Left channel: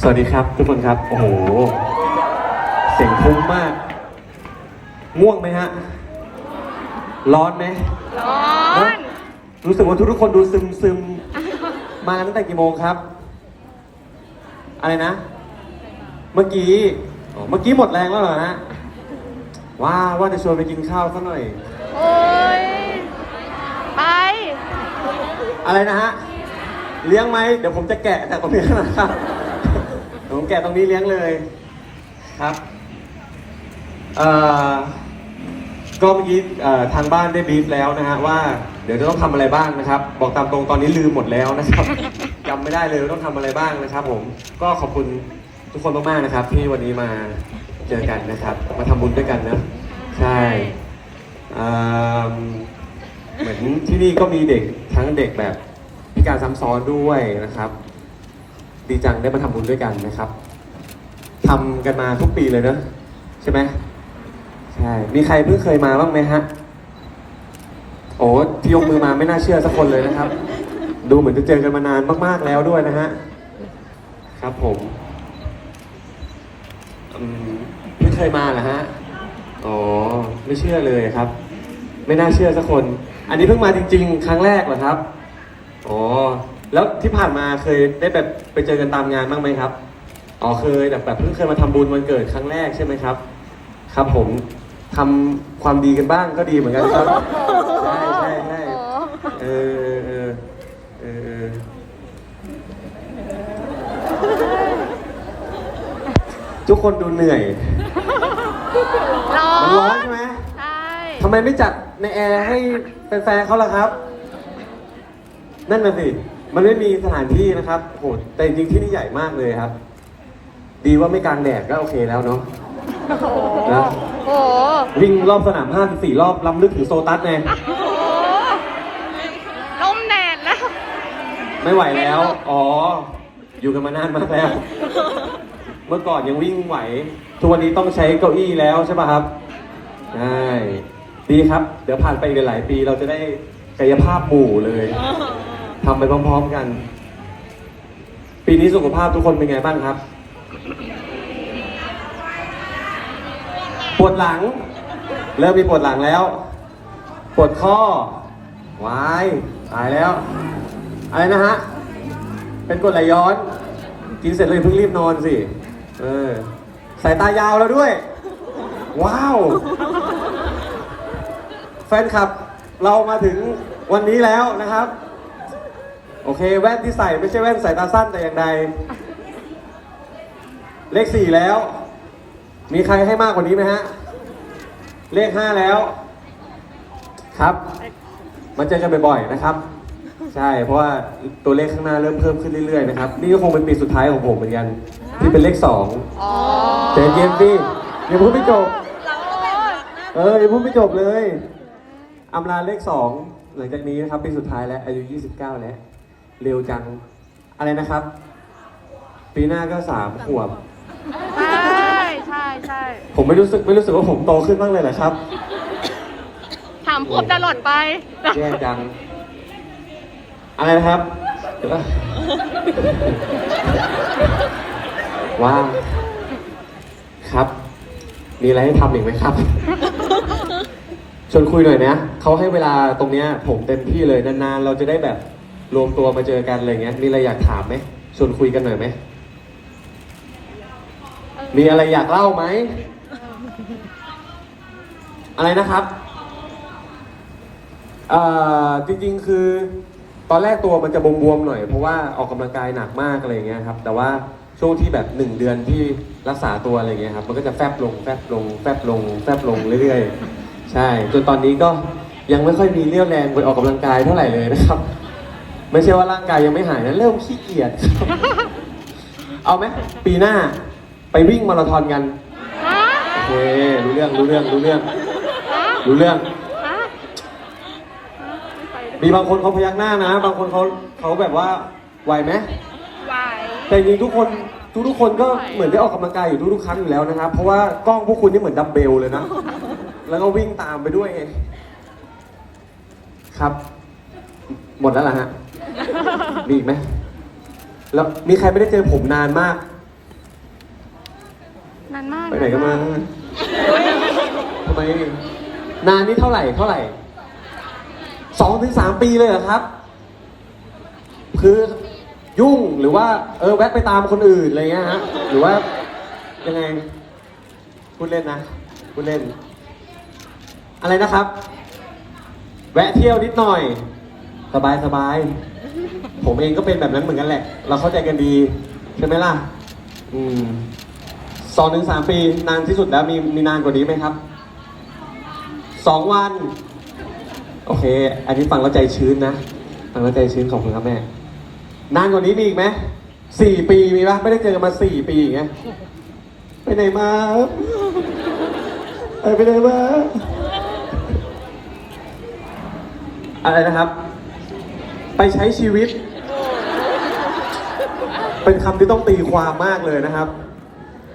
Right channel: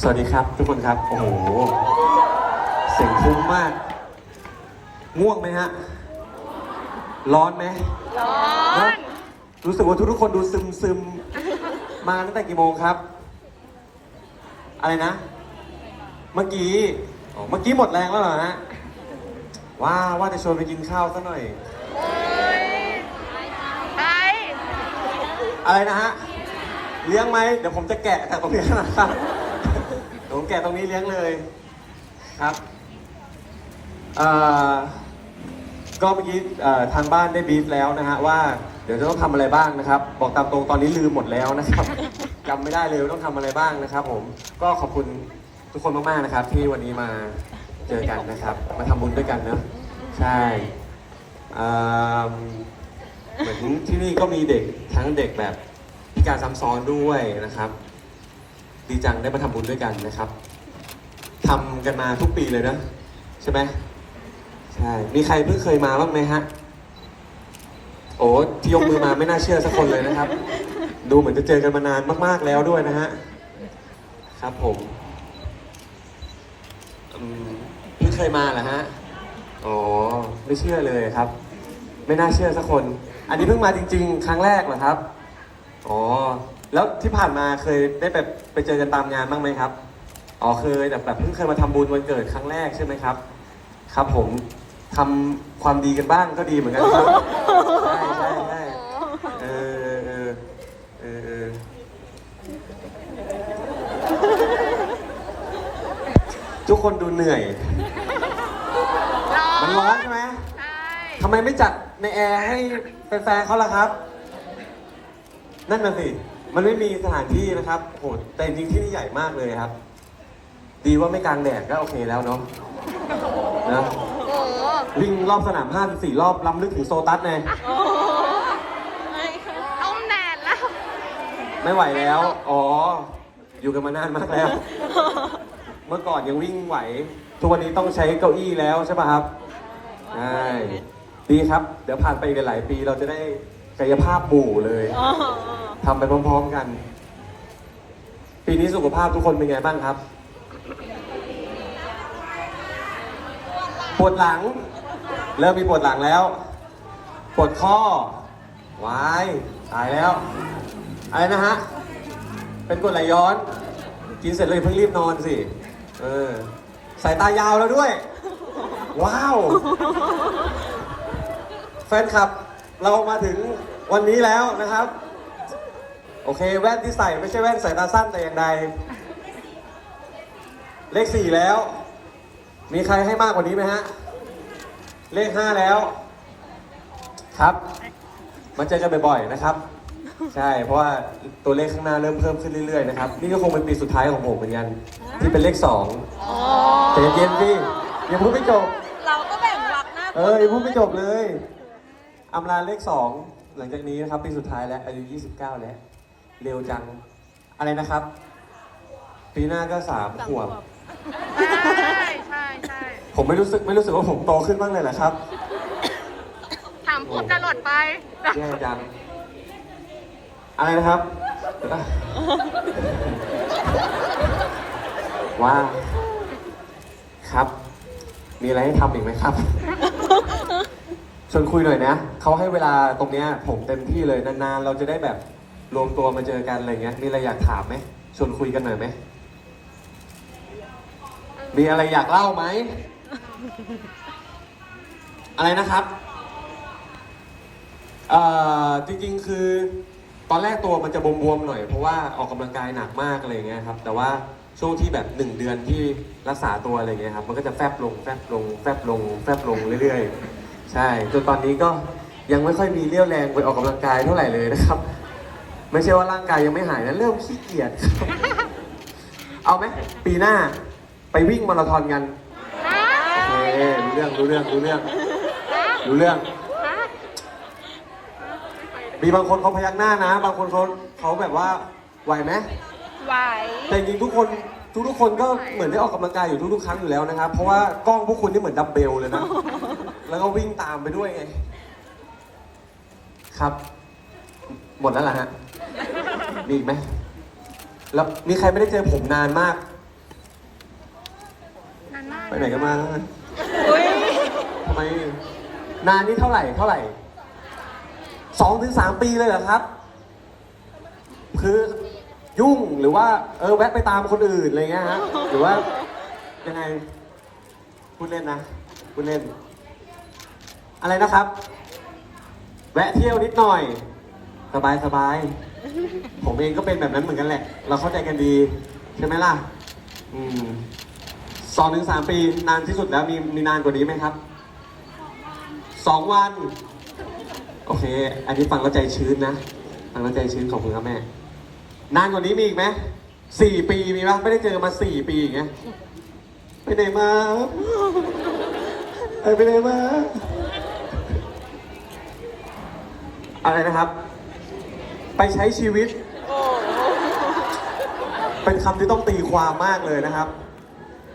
สวัสดีครับทุกคนครับ โอ้โห เสียงคุ้มมาก ง่วงไหมฮะ ร้อนไหมร้อน รู้สึกว่าทุกๆคนดูซึมซึมๆมาตั้งแต่กี่โมงครับ อะไรนะ เมื่อกี้ เมื่อกี้หมดแรงแล้วเหรอฮะว่าว่าจะชวนไปกินข้าวสักหน่อยโอ้ยไป อะไรนะฮะ เลี้ยงไหม เดี๋ยวผมจะแกะจากตรงนี้นะครับผม แกะตรงนี้เลี้ยงเลยครับเอ่อก็เมื่อกี้ทางบ้านได้บีฟแล้วนะฮะว่าเดี๋ยวจะต้องทำอะไรบ้างนะครับ บอกตามตรงตอนนี้ลืมหมดแล้วนะครับจำไม่ได้เลยต้องทำอะไรบ้างนะครับ ผมก็ขอบคุณทุกคนมากๆนะครับ ที่วันนี้มาเจอกันนะครับ มาทำบุญด้วยกันนะใช่เหมือนที่นี่ก็มีเด็กทั้งเด็กแบบพิการซ้ำซ้อนด้วยนะครับ ดีจังได้มาทำบุญด้วยกันนะครับทำกันมาทุกปีเลยเนอะใช่ไหมใช่ มีใครเพิ่งเคยมาบ้างไหมฮะ โอ้ที่ยกมือมาไม่น่าเชื่อสักคนเลยนะครับ ดูเหมือนจะเจอกันมานานมากๆแล้วด้วยนะฮะ ครับผมอืมเพิ่งเคยมาเหรอฮะ อ๋อ ไม่เชื่อเลยครับ ไม่น่าเชื่อสักคน อันนี้เพิ่งมาจริง ๆ ครั้งแรกเหรอครับ อ๋อ แล้วที่ผ่านมาเคยได้แบบไปเจอกันตามงานบ้างไหมครับ อ๋อเคยแต่แบบเพิ่งเคยมาทำบุญวันเกิดครั้งแรกใช่ไหมครับ ครับผมทำความดีกันบ้างก็ดีเหมือนกันครับใช่ใช่ใช่เออเออเออทุกคนดูเหนื่อยร้อมันร้อนนใช่ไหม ใช่ทำไมไม่จัดในแอร์ให้แฟนๆเขาล่ะครับ นั่นน่ะสิ มันไม่มีสถานที่นะครับโอ้โหแต่จริงๆที่นี่ใหญ่มากเลยครับ ดีว่าไม่กลางแดดก็โอเคแล้วเนาะนะโอ้โหวิ่งรอบสนามห้าสี่รอบลำลึกถึงโซตัสไงโอ้โหล้มแดดแล้ว ไม่ไหวแล้ว อ๋อ อยู่กันมานานมากแล้ว เมื่อก่อนยังวิ่งไหว ทุกวันนี้ต้องใช้เก้าอี้แล้วใช่ป่ะครับ ใช่ ดีครับ เดี๋ยวผ่านไปอีกหลายๆปีเราจะได้กายภาพหมู่เลย ทำไปพร้อมๆกัน ปีนี้สุขภาพทุกคนเป็นไงบ้างครับ ปวดหลังเริ่มมีปวดหลังแล้ว ปวดข้อวายตายแล้ว อะไรนะฮะ เป็นกรดไหลย้อน กินเสร็จเลยเพิ่งรีบนอนสิ เออ สายตายาวแล้วด้วย ว้าว แฟนคลับ เรามาถึงวันนี้แล้วนะครับ โอเค แว่นที่ใส่ไม่ใช่แว่นสายตาสั้นแต่อย่างใด เลขสี่แล้ว มีใครให้มากกว่านี้ไหมฮะ เลขห้าแล้ว ครับ มาเจอกันบ่อยๆนะครับ ใช่ เพราะว่าตัวเลขข้างหน้าเริ่มเพิ่มขึ้นเรื่อยๆนะครับ นี่ก็คงเป็นปีสุดท้ายของผมเหมือนกัน ที่เป็นเลขสองอ๋อแต่เย็นดิยังพูดไม่จบ เราก็แบบหลักนะเออยังพูดไม่จบเลยอำลาเลขสองหลังจากนี้นะครับปีสุดท้ายแล้วอายุ 29 แล้ว เร็วจัง อะไรนะครับ ปีหน้าก็สามขวบ ใช่ใช่ใช่ผมไม่รู้สึกไม่รู้สึกว่าผมโตขึ้นบ้างเลยเหรอครับถามพูดตลอดไป แย่จัง อะไรนะครับว่างครับ มีอะไรให้ทำอีกไหมครับ ชวนคุยหน่อยนะ เขาให้เวลาตรงเนี้ยผมเต็มที่เลยนานๆ เราจะได้แบบ รวมตัวมาเจอกันอะไรเงี้ย มีอะไรอยากถามไหมชวนคุยกันหน่อยไหม มีอะไรอยากเล่าไหม อะไรนะครับเอ่อจริงๆคือ ตอนแรกตัวมันจะบวมๆหน่อยเพราะว่าออกกำลังกายหนักมากอะไรเงี้ยครับ แต่ว่าช่วงที่แบบหนึ่งเดือนที่รักษาตัวอะไรเงี้ยครับ มันก็จะแฟบลงแฟบลงแฟบลงแฟบลงเรื่อยๆ ใช่จนตอนนี้ก็ยังไม่ค่อยมีเรี่ยวแรงไปออกกำลังกายเท่าไหร่เลยนะครับ ไม่ใช่ว่าร่างกายยังไม่หายนะเริ่มขี้เกียจ เอาไหมปีหน้า ไปวิ่งมาราธอนกันฮะโอเครู้เรื่องรู้เรื่องรู้เรื่องฮะรู้เรื่องฮะไม่ไปด้วยมีบางคนเขาพยักหน้านะ บางคนเขาเขาแบบว่าไหวไหมใหญ่แต่จริงๆทุกคนทุกทุกๆคนก็เหมือนได้ออกกำลังกายอยู่ทุกๆครั้งอยู่แล้วนะครับ เพราะว่ากล้องพวกคุณนี่เหมือนดัมเบลเลยนะ แล้วก็วิ่งตามไปด้วยไง ครับ หมดแล้วเหรอฮะ มีอีกไหมแล้วมีใครไม่ได้เจอผมนานมาก นานมากไปไหนกันมาทำไม นานนี่เท่าไหร่เท่าไหร่สองถึงสามปีเลยเหรอครับ คือยุ่งหรือว่า เออแวะไปตามคนอื่นอะไรเงี้ยฮะหรือว่ายังไงพูดเล่นนะพูดเล่น อะไรนะครับ แวะเที่ยวนิดหน่อย สบายสบาย ผมเองก็เป็นแบบนั้นเหมือนกันแหละ เราเข้าใจกันดี ใช่ไหมล่ะ อืมสองถึงสามปีนานที่สุดแล้วมีมีนานกว่านี้ไหมครับสองวัน โอเค อันนี้ฟังแล้วใจชื้นนะฟังแล้วใจชื้นขอบคุณครับแม่ นานกว่านี้มีอีกไหมสี่ปีมีปะไม่ได้เจอกันมาสี่ปีอย่างเงี้ยไปไหนมาไปไหนมาอะไรนะครับ ไปใช้ชีวิต เป็นคำที่ต้องตีความมากเลยนะครับ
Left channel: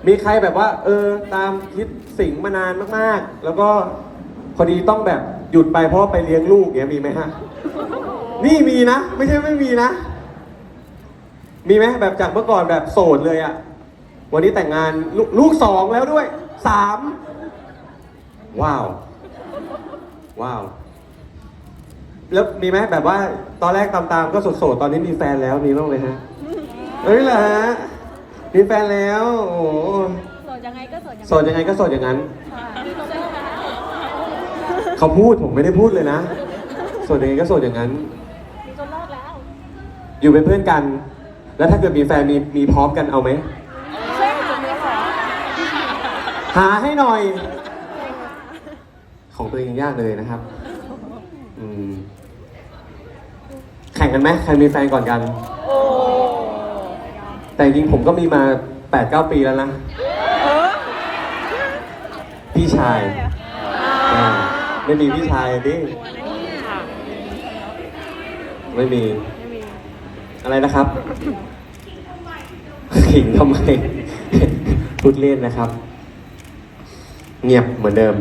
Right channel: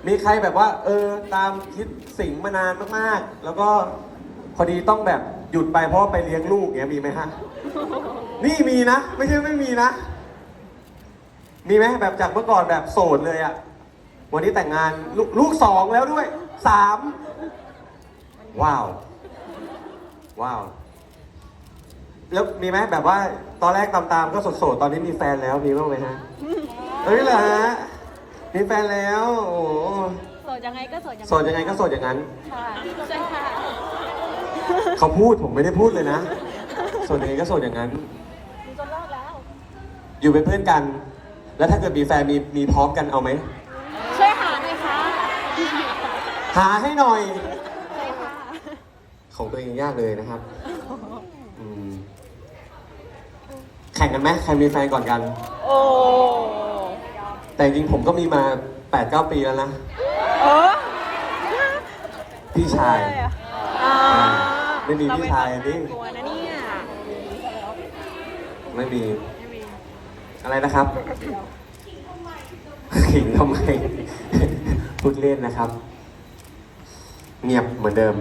มีใครแบบว่า เออ ตามคิดสิ่งมานานมากๆ แล้วก็พอดีต้องแบบหยุดไปเพราะไปเลี้ยงลูกเงี้ยมีไหมฮะ นี่มีนะ ไม่ใช่ไม่มีนะ มีไหมแบบจากเมื่อก่อนแบบโสดเลยอะวันนี้แต่งงานลลูกสองแล้วด้วยสามว้าว ว้าว แล้วมีไหมแบบว่าตอนแรกตามๆก็โสดๆตอนนี้มีแฟนแล้วมีบ้างไหมฮะเอ้ยเหรอฮะมีแฟนแล้วโอ้โหโสดยังไงก็โสดยังโสดยังไงก็โสดอย่างนั้นค่ะใช่ค่ะเขาพูดผมไม่ได้พูดเลยนะโสดยังไงก็โสดอย่างนั้น อยู่เป็นเพื่อนกัน แล้วถ้าเกิดมีแฟนมีมีพร้อมกันเอาไหมใช่ค่ะไม่ขอหาให้หน่อย ของตัวเองยากเลยนะครับ อืม แข่งกันไหมใครมีแฟนก่อนกัน โอ้แต่จริงๆผมก็มีมา8ปดเปีแล้วนะโอ้พี่ชายอ่าไม่มีพี่ชายดิหัวนะเนี่ยค่ะไม่มี ไม่มีอะไรนะครับ ขิงทำไม พูดเล่นนะครับ เงียบเหมือนเดิม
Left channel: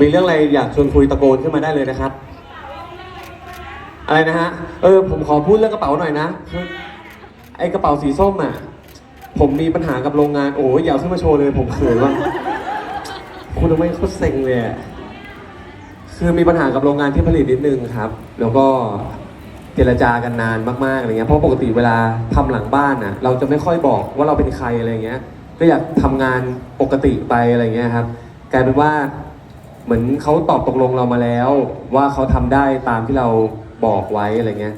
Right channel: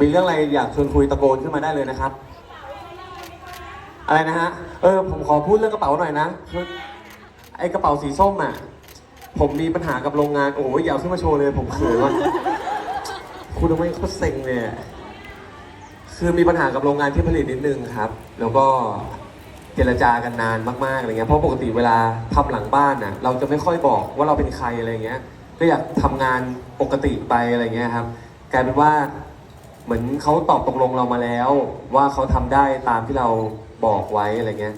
มีเรื่องอะไรอยากชวนคุยตะโกนขึ้นมาได้เลยนะครับ อะไรนะฮะ เออ ผมขอพูดเรื่องกระเป๋าหน่อยนะ ไอกระเป๋าสีส้มอะ ผมมีปัญหากับโรงงาน โอ้ยอย่าเอาขึ้นมาโชว์เลย ผมเขินว่ะคุณทำไมโคตรเซ็งเลยอะคือมีปัญหากับโรงงานที่ผลิตนิดนึงครับ แล้วก็เจรจากันนานมากๆอะไรเงี้ย เพราะปกติเวลาทำหลังบ้านน่ะ เราจะไม่ค่อยบอกว่าเราเป็นใครอะไรเงี้ย ก็อยากทำงานปกติไปอะไรเงี้ยครับ กลายเป็นว่า เหมือนเขาตอบตกลงเรามาแล้ว ว่าเขาทำได้ตามที่เรา บอกไว้อะไรเงี้ย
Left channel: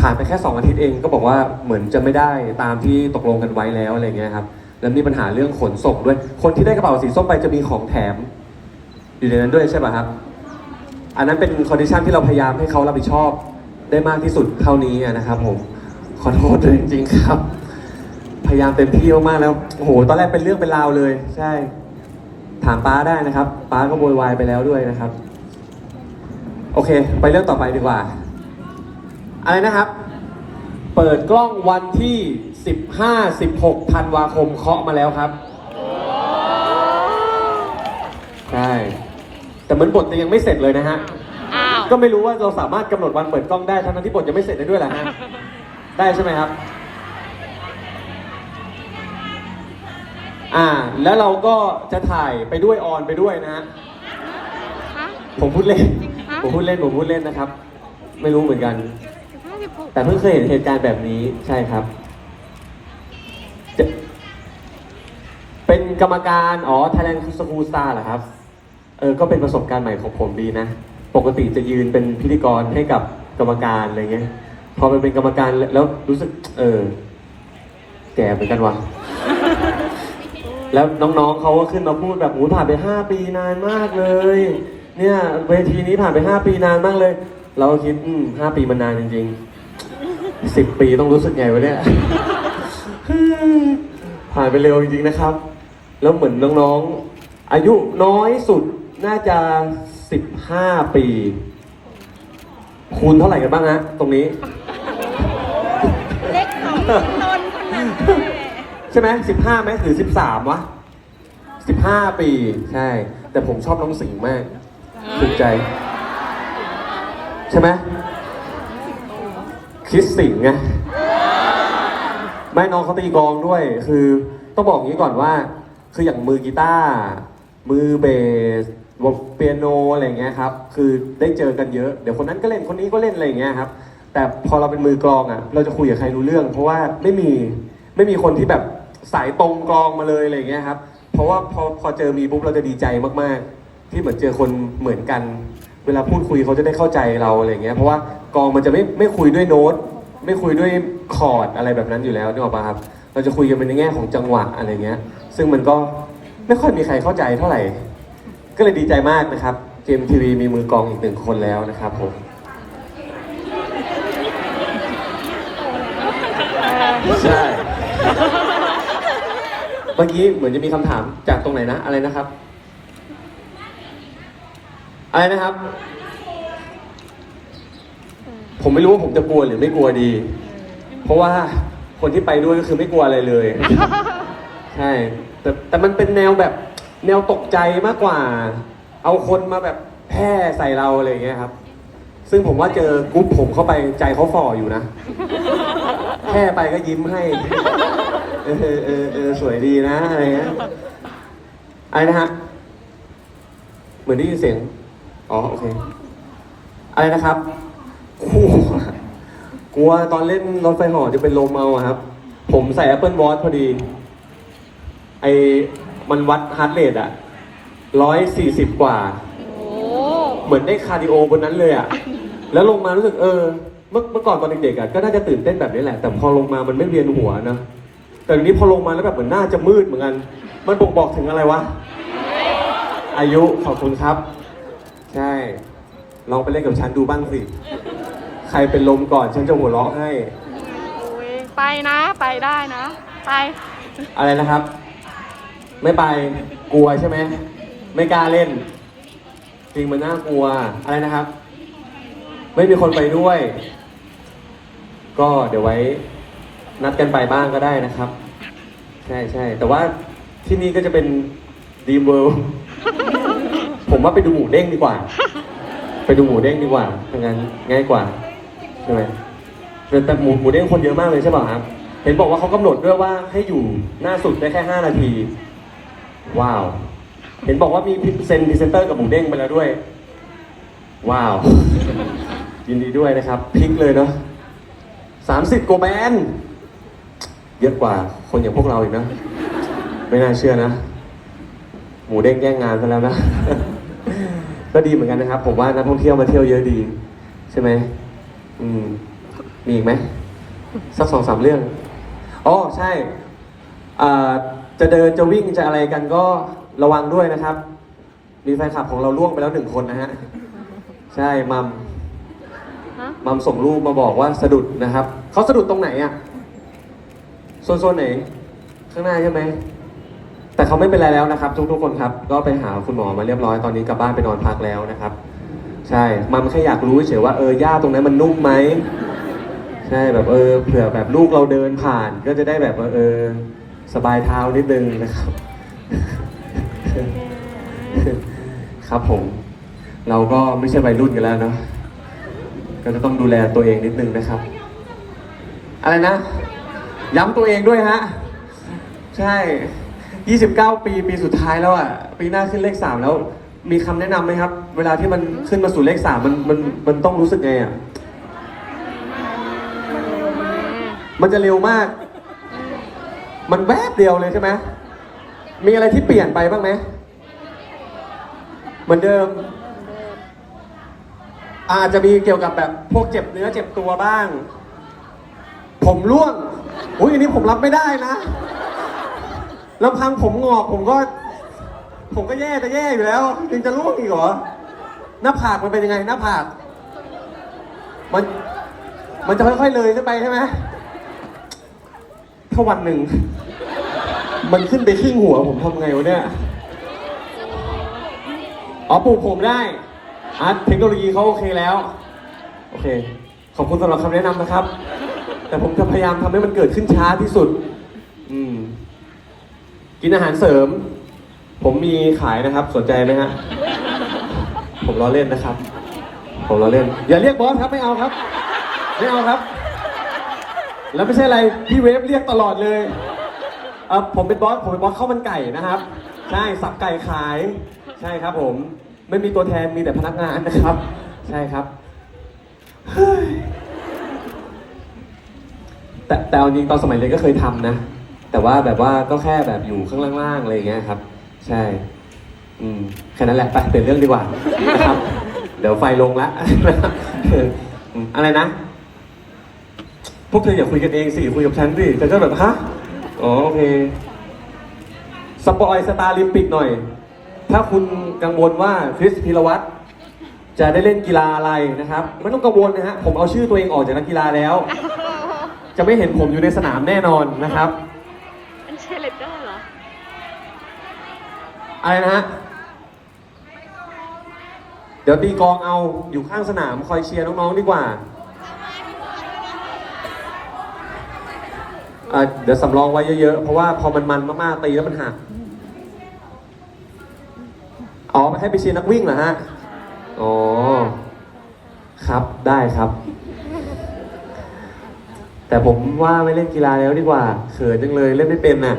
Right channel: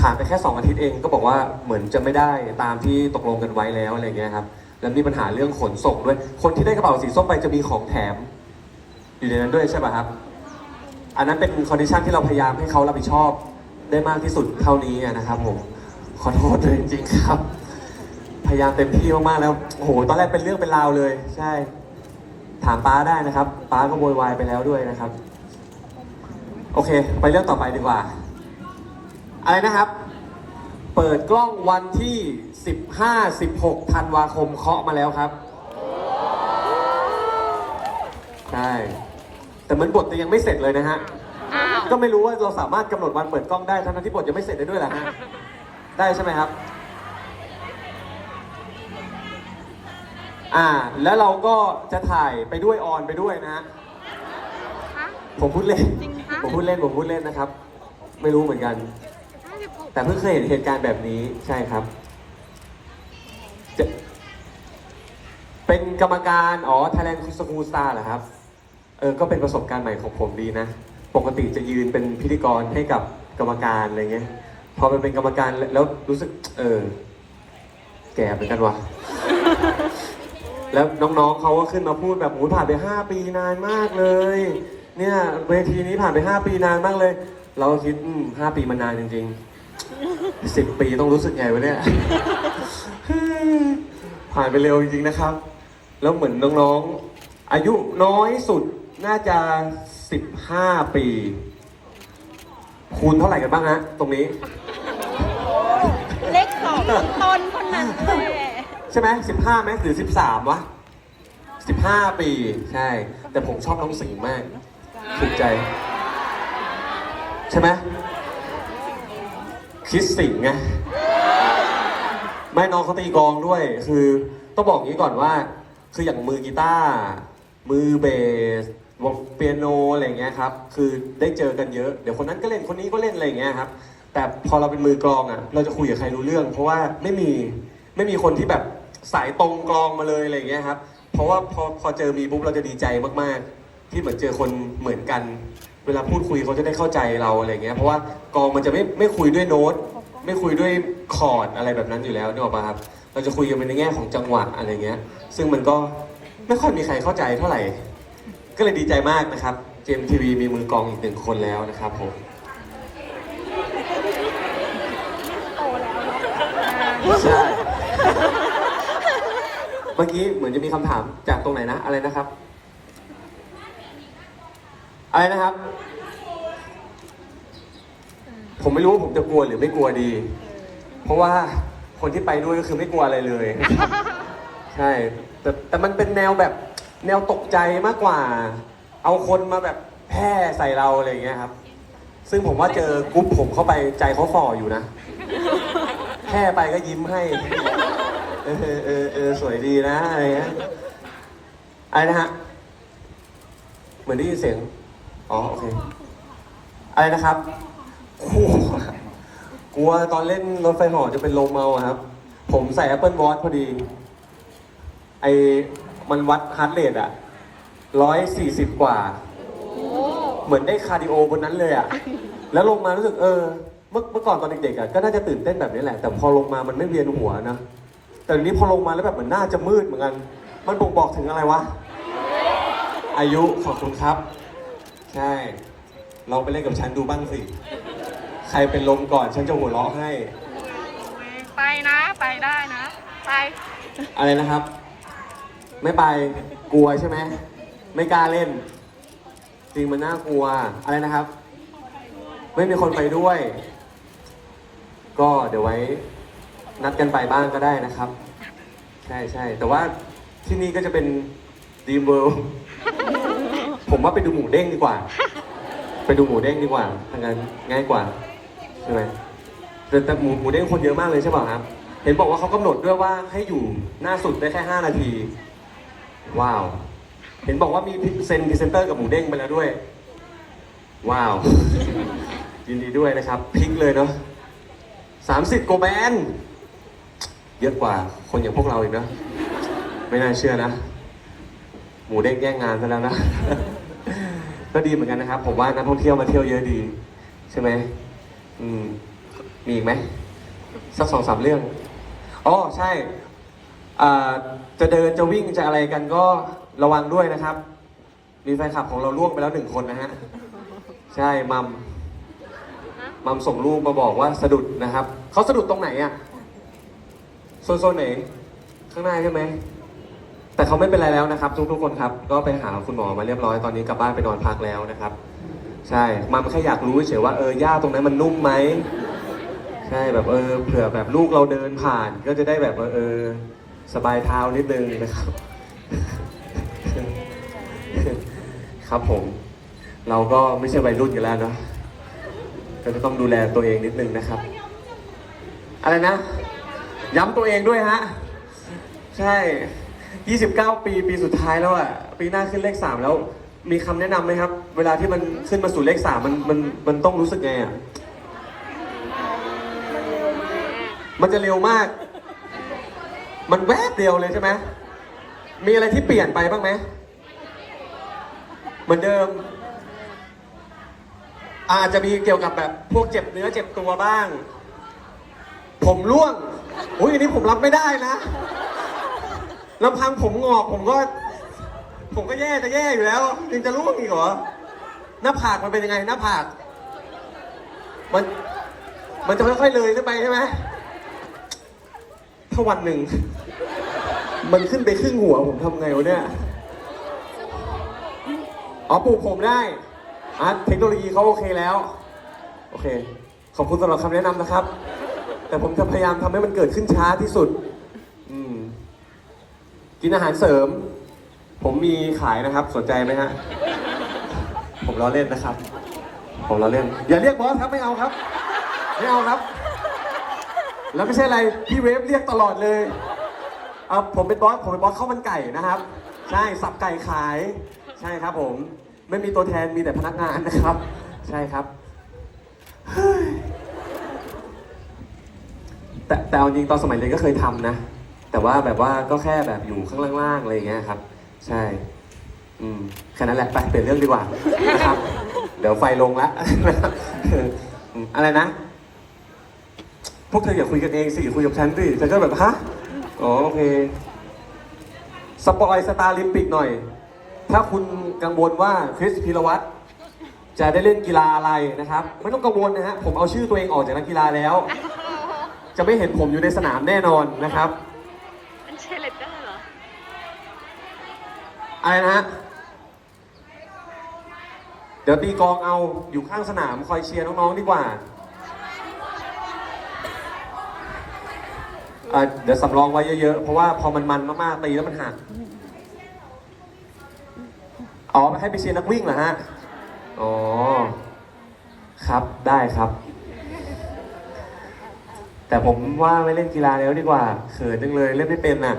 ผ่านไปแค่สองอาทิตย์เองก็บอกว่าเหมือนจะไม่ได้ตามที่ตกลงกันไว้แล้วอะไรเงี้ยครับแล้วมีปัญหาเรื่องขนส่งด้วย คนที่ได้กระเป๋าสีส้มไปจะมีของแถมอยู่ในนั้นด้วยใช่ป่ะครับ อันนั้นเป็นคอนดิชันที่เราพยายามให้เขารับผิดชอบได้มากที่สุดเท่านี้นะครับผมขอโทษด้วยจริงๆครับ พยายามเต็มที่มากแล้วโอ้โหตอนแรกเป็นเรื่องเป็นราวเลย ใช่ ถามป้าได้นะครับป้าก็โวยวายไปแล้วด้วยนะครับ โอเค ไปเรื่องต่อไปดีกว่า อะไรนะครับ เปิดกล้องวันที่ 15 16ธันวาคมเคาะมาแล้วครับใช่แต่เหมือนบทจะยังไม่เสร็จเลยนะฮะ อ้าว ก็ไม่รู้ว่าเราสามารถกำหนดวันเปิดกล้องได้ทั้งนั้นที่บทยังไม่เสร็จได้ด้วยแหละฮะ ได้ใช่ไหมครับ อ่า แล้วเราก็จะถ่ายไปด้วยออนไปด้วยนะฮะ ฮะ ผมพูดเล่น จริงฮะผมพูดเล่น ผมพูดเล่นนะครับ ไม่รู้เหมือนกัน แต่เพิ่งเคยเห็นเหตุการณ์แบบนี้ใช่ครับจะเป็นกรรมการอ๋อ Thailand School Star เหรอครับ เออ ก็เป็นประสบการณ์ใหม่ของผมดีนะ ปกติจะยืนเป็นพิธีกรให้กับกรรมการอะไรเงี้ย พอมันเป็นกรรมการแล้วรู้สึก เออ แก่เหมือนกันวะแล้วน้องๆเขาก็ขึ้นมาพูดแบบโอ้ผ่านไปห้าปีนานมากเลย เนี่ยเวทีนี้ผ่านไปห้าปีนานมากเลย เราก็คิดอืมห้าปีมันนานจริงๆสิบปีต้องรู้สึกไงวะเนี่ยผ่านไปเร็วจริงๆนะครับ แล้วเหมือนน้องๆ อายุน้อยสุดน่าจะสิบห้าปี คูณเท่าไหร่กันบ้างฮะตรงนี้ เล็กสองตนคนนั้นแหละใช่ไหมสิบห้าไหมหรือสิบสามวะสิบห้าปี ใช่ แต่ผมชอบน้องสิงห์มากถูกใจ ใช่ไหมคิดสิงไงไม่น้องเขาตีกลองด้วย คือต้องบอกอย่างนี้ก่อนว่า คืออย่างมือกีตาร์มือเบสวงเปียโนอะไรเงี้ยครับ คือได้เจอกันเยอะ เดี๋ยวคนนั้นก็เล่นคนนี้ก็เล่นอะไรเงี้ยครับ แต่พอเราเป็นมือกลองอะ เราจะคุยกับใครรู้เรื่อง เพราะว่าไม่มีไม่มีคนที่แบบสายตรงกลองมาเลยอะไรเงี้ยครับ เพราะว่าพอพอเจอมีปุ๊บเราจะดีใจมากๆ ที่เหมือนเจอคนเหมือนกัน เวลาพูดคุยเขาจะได้เข้าใจเราอะไรอย่างเงี้ยเพราะว่ากองมันจะไม่ไม่คุยด้วยโน้ต ไม่คุยด้วยคอร์ดอะไรแบบนั้นอยู่แล้วนึกออกปะครับ เราจะคุยกันเป็นในแง่ของจังหวะอะไรเงี้ย ซึ่งมันก็ไม่ค่อยมีใครเข้าใจเท่าไหร่ ก็เลยดีใจมากนะครับเกมทีวีมีมือกองอีกหนึ่งคนแล้วนะครับผมใช่เมื่อกี้เหมือนจะมีคำถามจากตรงไหนนะอะไรนะครับ อะไรนะครับ ผมไม่รู้ว่าผมจะกลัวหรือไม่กลัวดี เพราะว่าคนที่ไปด้วยก็คือไม่กลัวอะไรเลยใช่แต่แต่มันเป็นแนวแบบแนวตกใจมากกว่า เอาคนมาแบบแพร่ใส่เราอะไรอย่างเงี้ยครับ ซึ่งผมว่าเจอกรุ๊ปผมเข้าไปใจเขาฝ่ออยู่นะแค่ไปก็ยิ้มให้เออเออเออเออสวยดีนะอะไรเงี้ยอะไรนะฮะ เหมือนได้ยินเสียง อ๋อโอเคอะไรนะครับโอ้โหกลัวตอนเล่นรถไฟเหอจะเป็นลมเอาอะครับ ผมใส่ Apple Watch พอดี ไอมันวัดฮาร์ดเรทอะร้อยสี่สิบกว่า โอ้เหมือนได้คาร์ดิโอบนนั้นเลยอะแล้วลงมารู้สึกเออ เมื่อเมื่อก่อนตอนเด็กๆอะก็น่าจะตื่นเต้นแบบนี้แหละ แต่พอลงมามันไม่เวียนหัวนะ แต่ทีนี้พอลงมาแล้วแบบเหมือนหน้าจะมืดเหมือนกัน มันบ่งบอกถึงอะไรวะ อายุขอบคุณครับ ใช่ ลองไปเล่นกับฉันดูบ้างสิ ใครเป็นลมก่อนฉันจะหัวเราะให้ ไปนะไปได้นะ ไป อะไรนะครับ ไม่ไปกลัวใช่ไหมไม่กล้าเล่น จริงมันน่ากลัวอะไรนะครับ ไม่มีคนไปด้วย ก็เดี๋ยวไว้ นัดกันไปบ้างก็ได้นะครับ ใช่ใช่แต่ว่าที่นี่ก็จะเป็นดีมเวิลด์ผม ว่าไปดูหมูเด้งดีกว่า ไปดูหมูเด้งดีกว่าถ้างั้นง่ายกว่าใช่ไหมแต่แต่หมูหมูเด้งคนเยอะมากเลยใช่ป่ะครับเห็นบอกว่าเขากำหนดด้วยว่าให้อยู่หน้าสุดได้แค่5นาที ว้าว เห็นบอกว่ามีเซ็นพรีเซนเตอร์กับหมูเด้งไปแล้วด้วย ว้าว ยินดีด้วยนะครับพลิกเลยเนาะสามสิบกว่าแบรนด์เยอะกว่าคนอย่างพวกเราอีกนะ ไม่น่าเชื่อนะ หมูเด้งแย่งงานซะแล้วนะ ก็ดีเหมือนกันนะครับ ผมว่านักท่องเที่ยวมาเที่ยวเยอะดี ใช่ไหมอืมมีอีกไหมสักสองสามเรื่องอ๋อใช่อ่าจะเดินจะวิ่งจะอะไรกันก็ระวังด้วยนะครับ มีแฟนคลับของเราล่วงไปแล้วหนึ่งคนนะฮะใช่มัมมัมส่งรูปมาบอกว่าสะดุดนะครับเขาสะดุดตรงไหนอะโซนโซนไหนข้างหน้าใช่ไหม แต่เขาไม่เป็นไรแล้วนะครับทุกทุกๆคนครับ ก็ไปหาคุณหมอมาเรียบร้อยตอนนี้กลับบ้านไปนอนพักแล้วนะครับ ใช่มันแค่อยากรู้เฉยว่าเออหญ้าตรงนั้นมันนุ่มไหมใช่แบบเออเผื่อแบบลูกเราเดินผ่าน ก็จะได้แบบว่าเออสบายเท้านิดนึงนะครับ ครับผม เราก็ไม่ใช่วัยรุ่นกันแล้วเนาะก็จะต้องดูแลตัวเองนิดนึงนะครับ อะไรนะ ย้ำตัวเองด้วยฮะ ใช่ 29 ปีปีสุดท้ายแล้วอะ ปีหน้าขึ้นเลข3แล้ว มีคำแนะนำไหมครับ เวลาที่มันขึ้นมาสู่เลข3มันมันมันต้องรู้สึกไงอะ มันจะเร็วมาก มันแวบเดียวเลยใช่ไหมมีอะไรที่เปลี่ยนไปบ้างไหมเหมือนเดิม อาจจะมีเกี่ยวกับแบบพวกเจ็บเนื้อเจ็บตัวบ้าง ผมร่วง อุ้ยอันนี้ผมรับไม่ได้นะ ลำพังผมงอกผมก็ ผมก็แย่จะแย่อยู่แล้วยังจะร่วงอีกเหรอ หน้าผากมันเป็นยังไงหน้าผาก มัน มันจะค่อยๆเลยขึ้นไปใช่ไหมถ้าวันหนึ่ง มันขึ้นไปครึ่งหัวผมทำไงวะเนี่ย อ๋อปลูกผมได้อะเทคโนโลยีเขาโอเคแล้ว โอเค ขอบคุณสำหรับคำแนะนำนะครับ แต่ผมจะพยายามทำให้มันเกิดขึ้นช้าที่สุด อืม กินอาหารเสริม ผมมีขายนะครับ สนใจไหมฮะ ผมล้อเล่นนะครับ ผมล้อเล่น อย่าเรียกบอสครับไม่เอาครับ ไม่เอาครับ แล้วไม่ใช่อะไร พี่เวฟเรียกตลอดเลยเออผมเป็นบอส ผมเป็นบอสข้าวมันไก่นะครับ ใช่สับไก่ขาย ใช่ครับ ผม ไม่มีตัวแทนมีแต่พนักงานนะครับ ใช่ครับ แต่แต่เอาจริงตอนสมัยเรียนก็เคยทำนะ แต่ว่าแบบว่าก็แค่แบบอยู่ข้างล่างๆอะไรอย่างเงี้ยครับ ใช่ อืมแค่นั้นแหละไปเปลี่ยนเรื่องดีกว่า เดี๋ยวไฟลงละอืมอะไรนะ พวกเธออย่าคุยกันเองสิคุยกับฉันสิฉันก็แบบฮะอ๋อโอเคสปอยสตาร์ลิมปิกหน่อย ถ้าคุณกังวลว่าคริสพิรวัตรจะได้เล่นกีฬาอะไรนะครับ ไม่ต้องกังวลนะฮะผมเอาชื่อตัวเองออกจากนักกีฬาแล้ว จะไม่เห็นผมอยู่ในสนามแน่นอนนะครับ เชเลดเดอร์เหรอ อะไรนะฮะ เดี๋ยวตีกลองเอาอยู่ข้างสนามคอยเชียร์น้องๆดีกว่าอะเดี๋ยวสำรองไว้เยอะๆ เพราะว่าพอมันมันมากๆตีแล้วมันหัก อ๋อให้ไปเชียร์นักวิ่งเหรอฮะ อ๋อ ครับได้ครับ แต่ผมว่าไม่เล่นกีฬาแล้วดีกว่าเขินจังเลยเล่นไม่เป็นน่ะ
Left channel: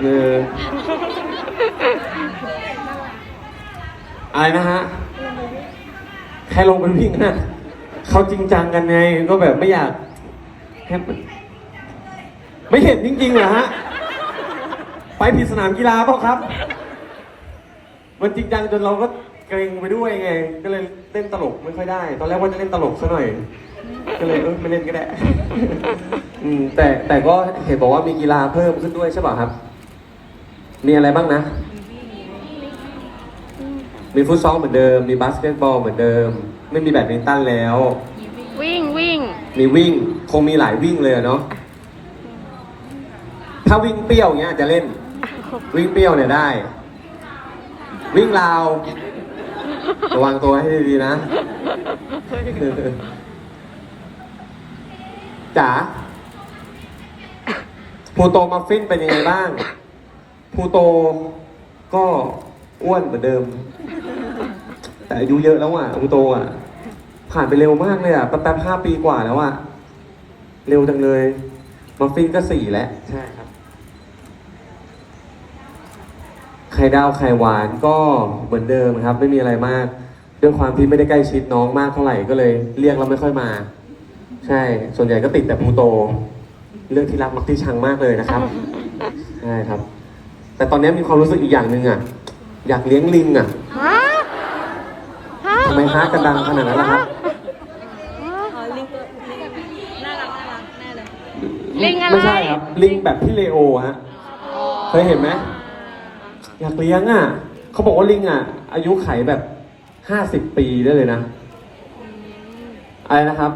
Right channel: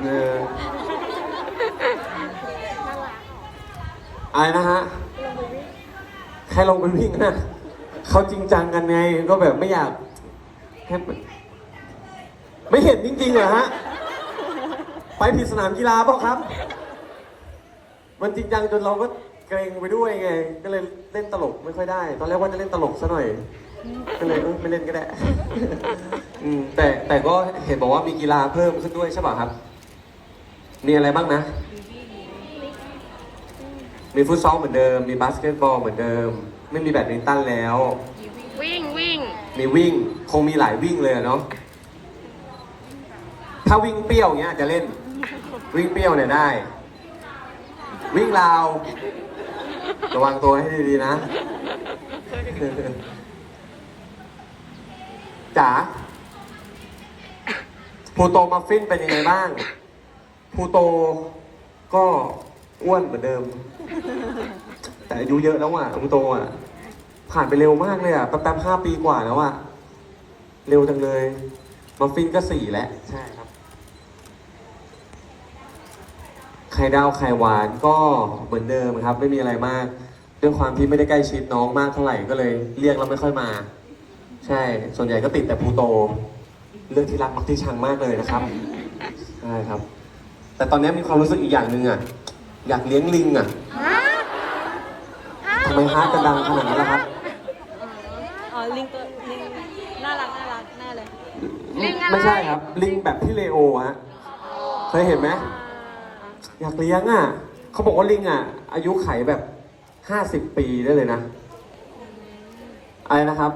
เอออะไรนะฮะแค่ลงไปวิ่งนะเขาจริงจังกันไงก็แบบไม่อยากให้มันไม่เห็นจริงๆเหรอฮะไปผิดสนามกีฬาเปล่าครับ มันจริงจังจนเราก็ เกรงไปด้วยไง ก็เลยเล่นตลกไม่ค่อยได้ ตอนแรกว่าจะเล่นตลกซะหน่อย ก็เลยเออไม่เล่นก็ได้ อืมแต่แต่ก็เห็นบอกว่ามีกีฬาเพิ่มขึ้นด้วยใช่ป่ะครับ มีอะไรบ้างนะ มีฟุตซอลเหมือนเดิม มีบาสเกตบอลเหมือนเดิม ไม่มีแบดมินตันแล้ว วิ่งวิ่งมีวิ่ง คงมีหลายวิ่งเลยอะเนาะ ถ้าวิ่งเปรี้ยวเงี้ยอาจจะเล่น วิ่งเปรี้ยวเนี่ยได้ วิ่งราว ระวังตัวให้ดีๆนะจ๋าพูโตมัฟฟินเป็นยังไงบ้างพูโตก็อ้วนเหมือนเดิม แต่อายุเยอะแล้วอะพูโตอะ ผ่านไปเร็วมากเลยอะตั้งแต่ห้าปีกว่าแล้วอะ เร็วจังเลยมัฟฟินก็สี่แล้วใช่ครับ ไข่ดาวไข่หวานก็เหมือนเดิมครับ ไม่มีอะไรมากด้วยความที่ไม่ได้ใกล้ชิดน้องมากเท่าไหร่ก็เลยเรียกเราไม่ค่อยมา ใช่ ส่วนใหญ่ก็ติดแต่พลูโต เรื่องที่รักมักที่ชังมากเลยนะครับใช่ครับ แต่ตอนนี้มีความรู้สึกอีกอย่างหนึ่งอะอยากเลี้ยงลิงอะฮะฮะทำไมฮาร์ดกันดังขนาดนั้นล่ะครับอ๋อลิงตัวลิงน่ารักน่ารักแน่เลยลิงอะไร ไม่ใช่ครับลิงแบบพี่เลโอฮะเคยเห็นไหม อยากเลี้ยงอะเขาบอกว่าลิงอะ อายุไขแบบห้าสิบปีได้เลยนะอะไรนะครับ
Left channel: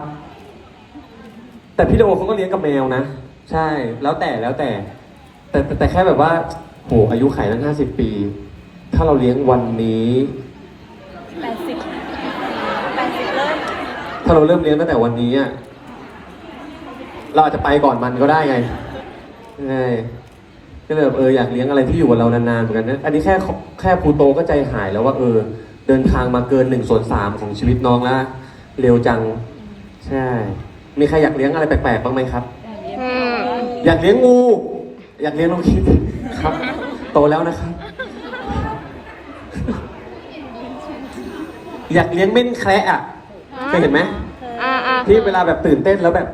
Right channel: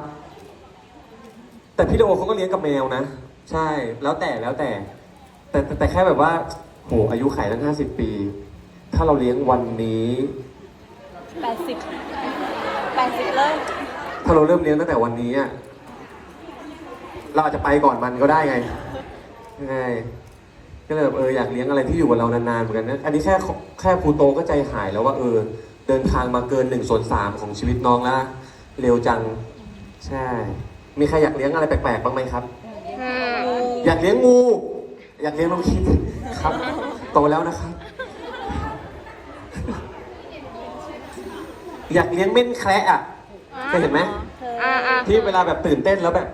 แต่พี่เลโอเขาก็เลี้ยงกับแมวนะ ใช่แล้วแต่แล้วแต่ แต่แต่แต่แค่แบบว่าโหอายุไขตั้งห้าสิบปี ถ้าเราเลี้ยงวันนี้ แปดสิบแปดสิบเลยถ้าเราเริ่มเลี้ยงตั้งแต่วันนี้อะเราอาจจะไปก่อนมันก็ได้ไงใช่ ก็เลยแบบเอออยากเลี้ยงอะไรที่อยู่กับเรานานๆเหมือนกันนะอันนี้แค่แค่พลูโตก็ใจหายแล้วว่าเออ เดินทางมาเกินหนึ่งส่วนสามของชีวิตน้องแล้วเร็วจัง ใช่ มีใครอยากเลี้ยงอะไรแปลกๆบ้างไหมครับอืมอยากเลี้ยงงู อยากเลี้ยงน้องคิดครับ โตแล้วนะครับ อยากเลี้ยงเม่นแคระอะเคยเห็นไหมอ่าอ่าที่เวลาแบบตื่นเต้นแล้วแบบ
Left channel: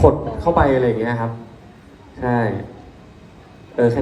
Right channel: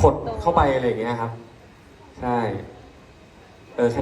ขดเข้าไปอะไรอย่างเงี้ยครับ ใช่ เออแค่